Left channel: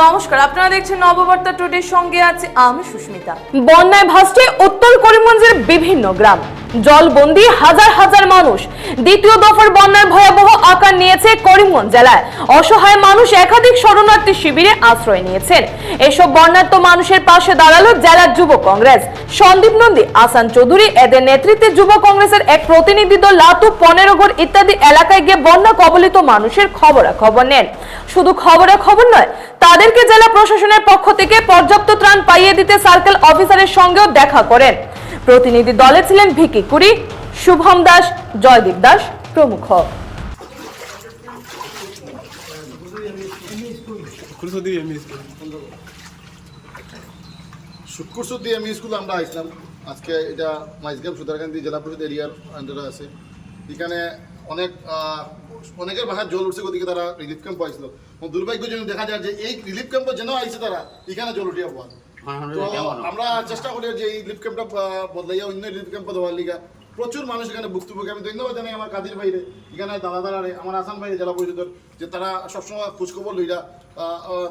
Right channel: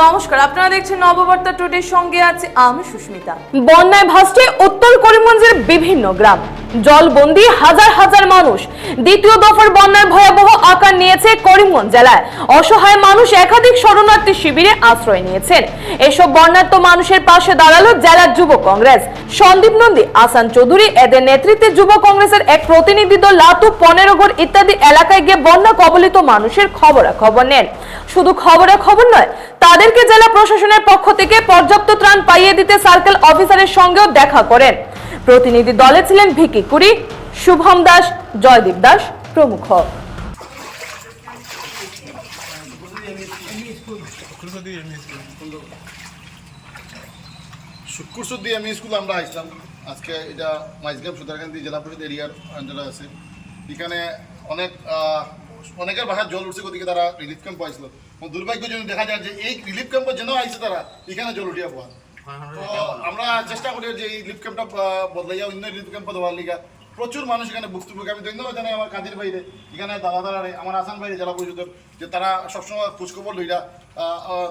নমস্কার, আপনারা দেখছেন নববার্তা টুডের সঙ্গে আছে আমি সুস্মিতা। বন্যায় ভাসছে উত্তর করিমগঞ্জের বিভিন্ন গ্রাম, জলবন্দী হাজার হাজার মানুষ। দ্বিতীয় দফার বন্যার ভয়াবহ আকার নিয়েছে করিমগঞ্জ জেলায়। অসহায় মানুষ একাধিক শরণার্থী শিবিরে আশ্রয় নিয়েছেন। এসব বন্যার্ত মানুষের পাশে দাঁড়ালো জেলার যুব কংগ্রেস। সন্দীপ নন্দী, আসান চৌধুরী এদের নেতৃত্বে যুব কংগ্রেসের এক প্রতিনিধি দল লাতু, 15 ইত্যাদি এলাকায় গিয়ে বন্যা কবলিত মানুষের খবরাখবর নেন। শুধু খবরাখবর নয়, তাদেরকে জেলা প্রশাসনের পক্ষ থেকে পর্যাপ্ত ত্রাণ পাইয়ে দিতে সার্কেল অফিসারের সঙ্গেও দেখা করেন। প্রতিনিধি দলে ছিলেন ভিকি কুরি, শুভম দাস, জয়দীপ দাস প্রমুখ। শুক্রসুদ্দি এমই স্কুল আমরা আসলাম আজকে। এটা মাইজগাম সুতারকান্দি জেলা পরিষদ এরিয়ার আন্ডারে আছে। এখানে অনেকের বাসায় জল উঠছে, গতিকে তারা রিলিফ ক্যাম্প পাইছিল। দুর্ভাগ্যজনক দেখা যায় যে এই রিলিফ ক্যাম্পে যেন আইছে তারা এখানে জল উঠিয়া পাওয়া। তো আমরা চেষ্টা করি যে এই রিলিফ ক্যাম্পটা বদলাইয়া অন্য রিলিফ ক্যাম্পে দেওয়ার লিগা। প্রচুর মানুষ এখানে ভুক্তভোগী। আমি ধন্যবাদ জানাই আমার কাদির ভাইরে, এখানে দাদাদারে, আমার আসান ভাইরে জেলা পরিষদের, যে তারা সবসময় খোঁজখবর লইরা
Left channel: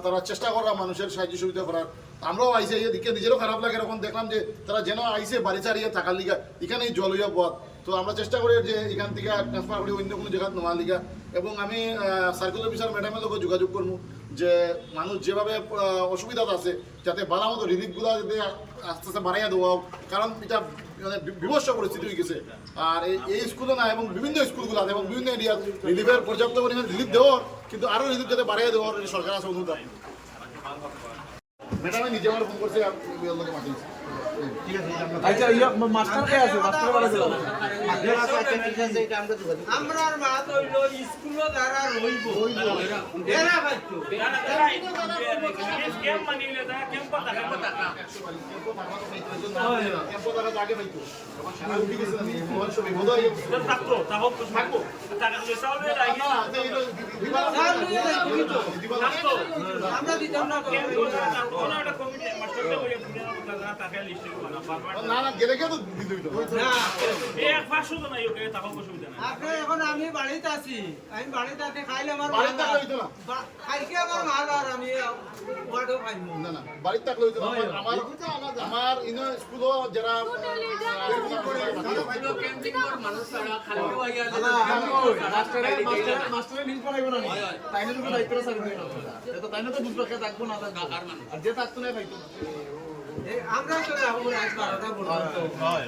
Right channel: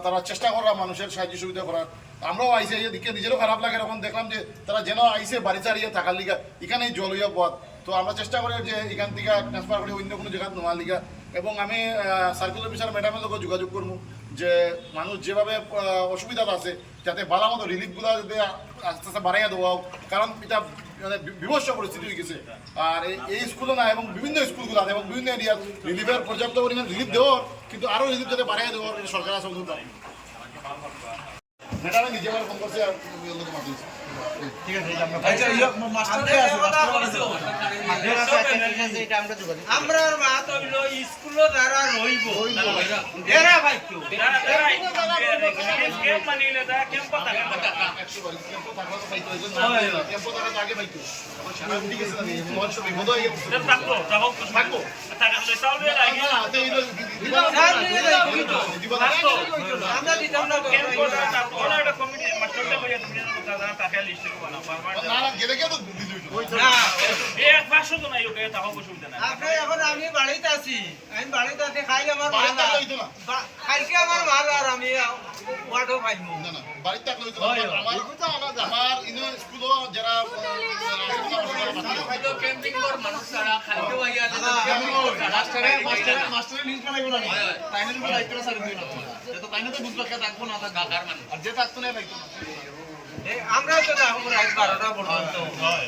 তারা চেষ্টা করা মানুষের সাহায্য সুবিধা করার। আমরাও আইসে এদিকে নিজেরও খারাপ লাগে, এরকম দেখলাম যে তারা যেন আইসে বাড়ি চারিয়ে থাকার লিগা এখানেই জল হইয়া পথ। তো আমরা চেষ্টা করি যে এখান থেকে ট্রান্সফার করি অন্য কোনো জায়গায় নেওয়ার লিগা। এবং আমি সার্কেল অফিসার ম্যাডামের লোক যোগাযোগ করবো যে মানুষ যেভাবে অসুবিধা আছে যাতে ভালো মতো রিলিফগুলো যাতে আস্তে আস্তে বাড়াইয়া দেওয়া। কারণ এটা মানে বিভৎস পরিস্থিতি হয়ে গেছে। আর এই স্কুলে না, এবং বিভিন্ন স্কুলগুলো আছে এবং বিভিন্ন এরিয়ার রিলিফের পর্যাপ্ত পরিমাণ রিলিফ দেওয়ার, কিন্তু আরও রিলিফ যাতে বাড়াইয়া দেওয়ার সরকার আছে অনুরোধ। ম্যাডামে নিজে আমার ফোন করছে আর লোকে মাতিয়েছে। ঠিক আছে, আমরা মাত হইল স্কুল দ্বারা রইব এরা ভাই তো কেম মানিলে দা কেম টাকা কেম্প টাকা পাইতো কেম্প টাকা আগে পাইতো। এখন সারা উঠে গেছে না, মন সব বিপদ হয়ে গেছে। থাকতো টাকা থাকতো টাকা লই চাউলে রাখি থাকতো আমরা দিতাম না কেম কোন একটা কমিটি মাস্টারটা কইয়া দিলেন টাকা লিস্ট করব না না গেলে কেউ তো দিতে হইতো না। এই 500 জন আইও কে টাকা অসুবিধা নাই। আপনি এখন আমি বাড়িতে আছি, আমি বাড়িতে আছি, খাইলে আমার বাড়িতে থাকলে হইতো না, খাইকে আমার মাল আর আমি ওয়াটো খাইমু না না বাড়িতে থাকলে হইতো না। আমার ইনো স্কুলও যারা ক্যাম্পিং কর মানুষ ছাড়া খালিও আইয়া মাস্টারে লিস্ট বানাইবো না, তাইনে যদি দায়িত্বটা ছাড়ি দিও না, তো তাইনে তো বুঝবা কে থাকবো না গাকার মানুষ, আর যে থাকতো না পাইতো না। আমরা তো দেখো রাত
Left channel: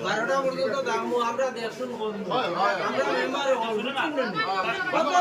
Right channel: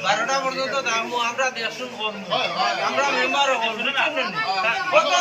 12টা পর্যন্ত দামো আমরা দেখুন করবো, আমরা মেম্বার হল কত